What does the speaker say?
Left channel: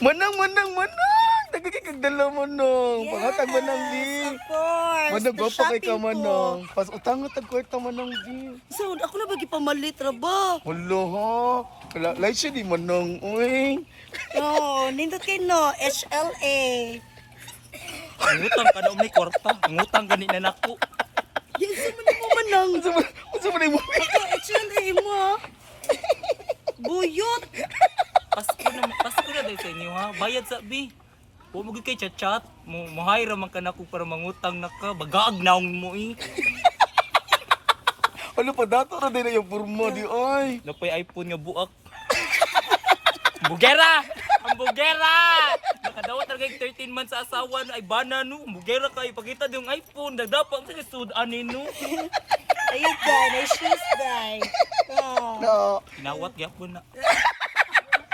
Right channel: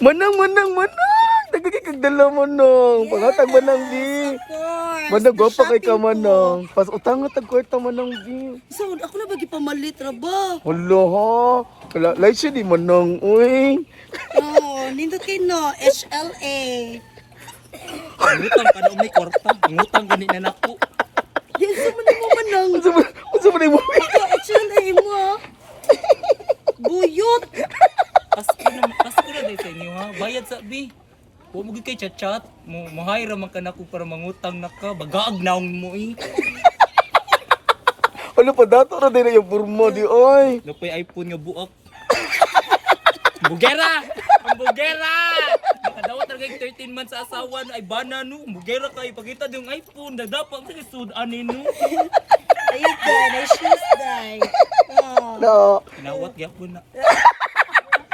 Manang. Nagkikigdala manang. Pangatag manang di. Of course. Manang gwapa kay ka Shopping ko. manang. Pas utang at kwarta manang di. So, ako na bagi pamalit ra ba? Wala ha. Kala lay siya di manang. Uy. No, nindot kay no, HLA. Ngutang ka na may kwarta. Ngutang gani na nako. Yan sa man mo manang. Unsa man mo? Ako, HLA mo ha. Buyot. Pasko na dahil sa inyo ha. Bayad sa bi. Huwag mo kay chat-chat. Mahayra man ka na ko para mangutang na ka. Bagaag naong mo eh. Wala pa dato na din yung burmo di oy. Napay iPhone nga buak. Bugera! Ang bugera! Nakadawat talaga yung 13 months sa asawa na ay bana no. Ang bugera ka, ipakita yung iPhone. Nagdapa ang sudanin no. Ayun, day. Ay, shoes, day. Oh. No. Kinawat gyapon na.